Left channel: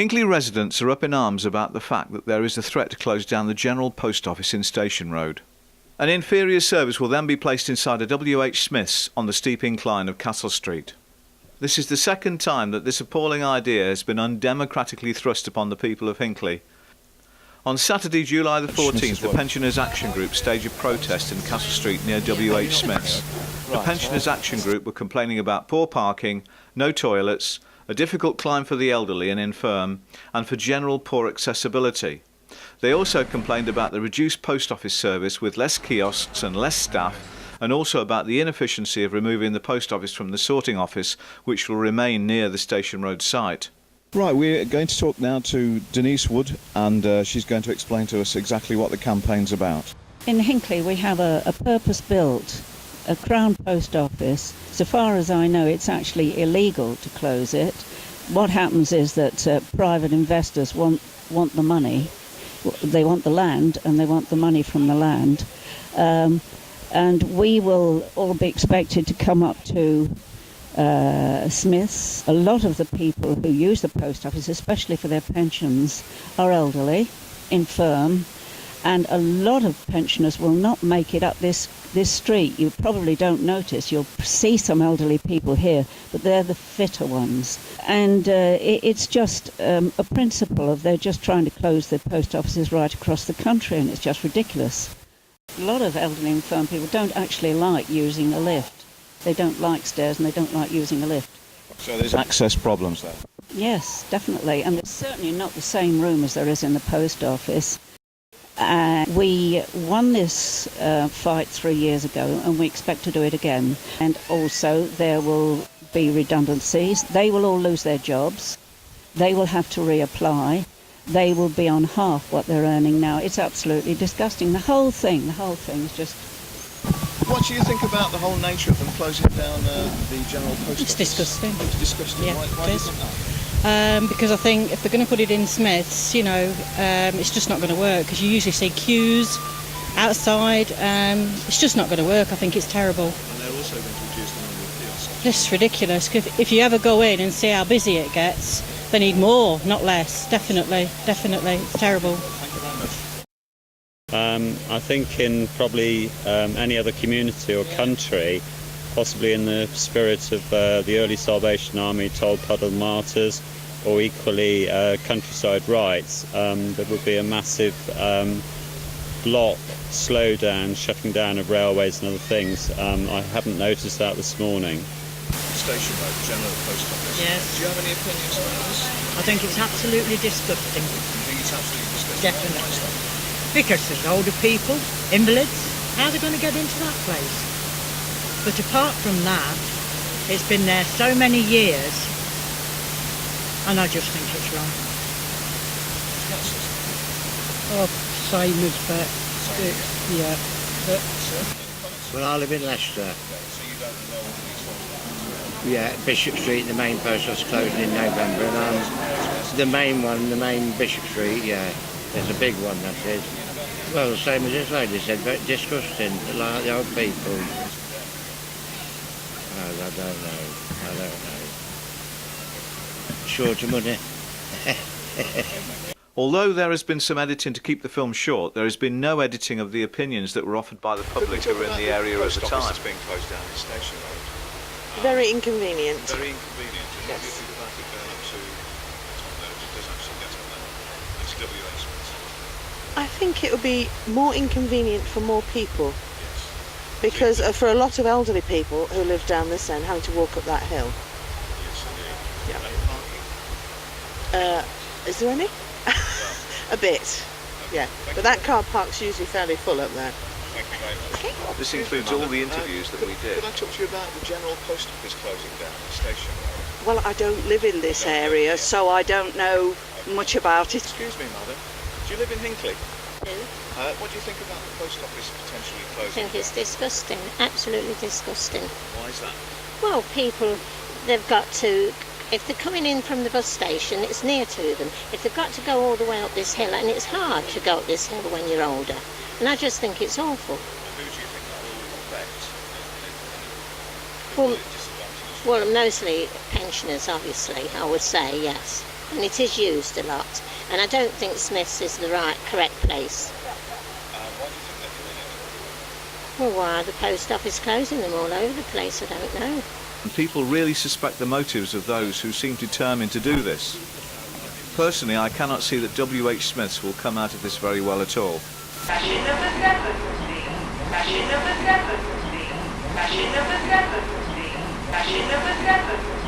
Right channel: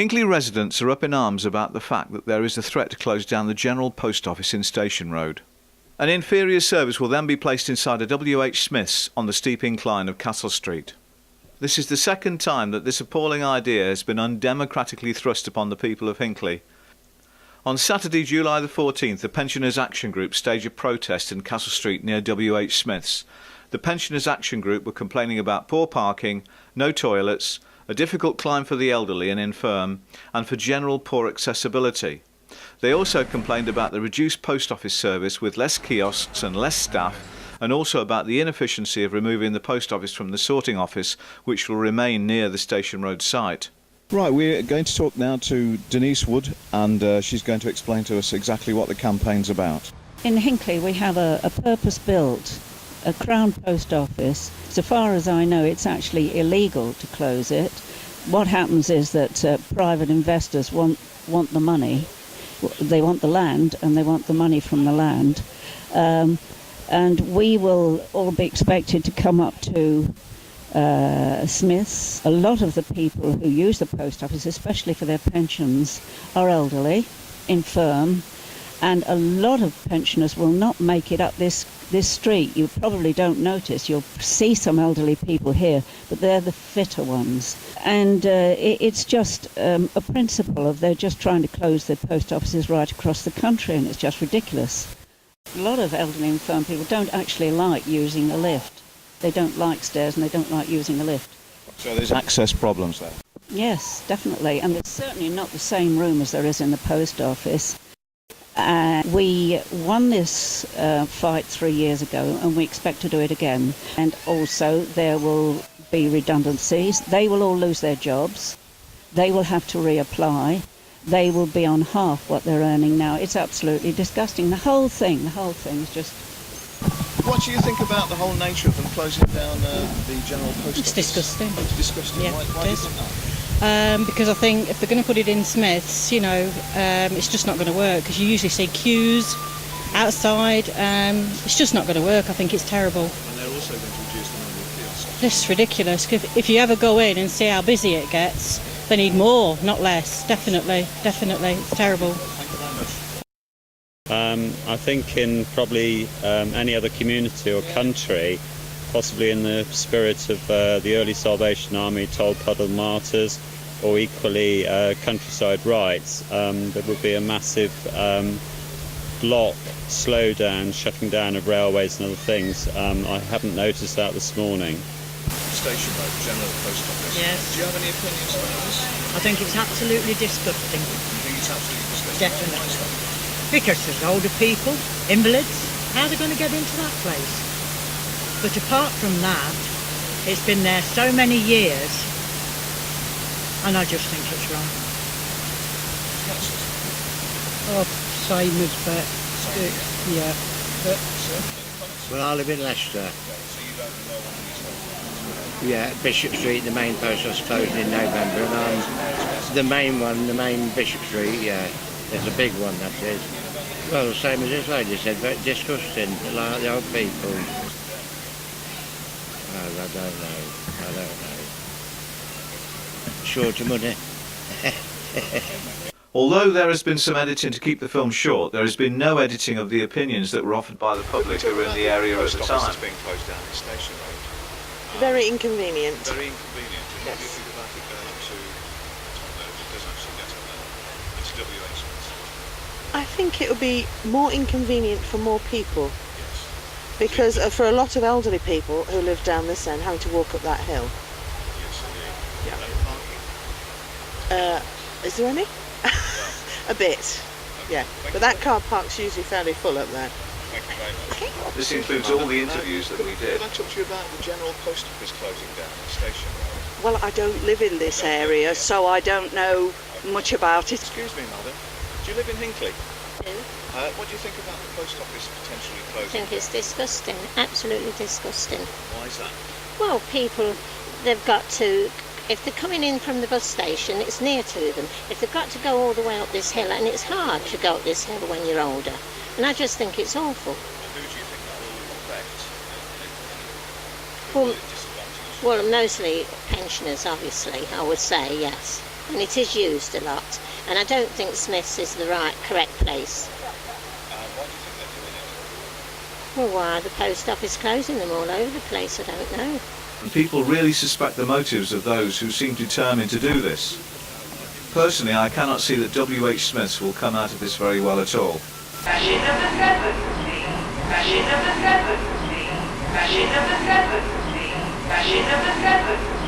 Hinckley residents are up in arms about the fact that there is a threat to close down the General Post Office in Station Road. An inferior service will then be placed inside a W.H. Smith's on the steep incline of Castle Street. This is the second time that this appalling idea has been undemocratically thrust upon the people of Hinckley. On Saturday, July the 14th, the Pensioners Action Group staged a protest in Castle Street near W.H. Smith's. The Pensioners Action Group were complaining about poor parking, no toilets, a difficult climb for the elderly and infirm, and for general poor accessibility. They also complained about the reduced post office service with less kiosks and less staff, and also about the inefficiency of removing the post office from the sorting office, which will remain near the Station Road site. Right, we're going to talk now to Denise Wood, and she's going to explain to us exactly what the campaign's about. In Hinckley we have a purpose-built a Crown Post Office. So far as I know, it's actually illegal to close it. What happens is that private investors want the money, they want the land, and they want the money from the land. And we will all be expected to come up to Smiths. A lot of the people who use the post office, especially for their pensions, are elderly, infirm, and a lot of pensioners will not make it up this street. You probably don't notice. You'll see some elderly people here, but they're the fitter ones. And it's just a principle of they're just trying to close their post offices right across the country, and it's just ridiculous. A lot of elderly infirm people don't actually like using a lift. They don't like stairs and they don't like using a lift. So there's access problems there? Yes, definitely. And it's certainly not the same room as there is in the post office. We won this fight 3 years ago, and we expect to do it again. And also there will be redundancies. They will all lose their jobs. They will have to reapply. They will be on half what they're earning now. It's absolutely disgusting. The whole thing is just... What do you think about the whole nature of them closing down the General Post Office? It's disgusting. It's disgusting. Yeah, Why it is is. it that? Because I think if they're going to put it in Smiths, it's just not going to work, because you usually see queues outside. It's just not going to work. I think it's terrible. And they're also going to reduce the number of kiosks. It's ridiculous. If you ever go in and see how busy it gets, they need more, not less. Definitely. It's terrible. I think in probably any other community or country, possibly in the spirit of the early Salvation Army, Tolpuddle Martyrs, or equally countryside rights, there would be a massive block, slowdown, shutting down of railways and other things. I haven't noticed that this morning. Station Road, General Post Office. Yes. Do you have any opinions on this? I think it's absolutely disgusting. You think it's absolutely disgusting? Definitely. Because there's older people, invalids, how are they going to get into that place? But apart from that, it's been there so many years, and I just think it's wrong. Oh, sailors, but yeah. Well, I live in Leicester. Yeah, Bishop Street, the main post was closed in November. And the main Bishop Street, yeah, there's a big one, that is. Well, the same as this lady said, but disgusting, like the old people. I don't know. Short of money. Although there has been some editing to keep the film short, there has been no editing of the opinions that were offered by the public who were in the area at the time. Being closed down the Station Road. Very inconvenient. Very inconvenient. Yes. I think it will be more inconvenient for more people, because for a lot of elderly people who live down this end, having to walk up that hill. Yeah. Is there any? A bit, yeah. But that car park's usually fairly full up there. This includes all the interviews that we did. Can I talk to you about the General Post Office closing down the Station Road? Well, I don't live in this area, so I don't know much about it. Excuse me, madam. Do you live in Hinckley? What do you think about the post office potentially I closing? think it's disgusting, absolutely disgusting. Why is that? Well, people, they've got to, if they're coming in from the bus station, it's near to them. If they've got to go all the way up this hill, and it's hard to go up this hill when you're older, and I just think it's awful. And who do you think that will affect? Well, mostly pensioners, obviously, I would say, yes. and it is used a lot. And I don't think Smith's is the correct place. Well, why are the post office closing them all over the place? I don't know. And people really suspect the motives of those who seem determined to do this. Personally, I cannot see that W.H. Smith's will come out of this very well at all. Fashion of the Shepherd's Fashion of the Shepherd's Fashion of the Shepherd's Fashion of the Shepherd's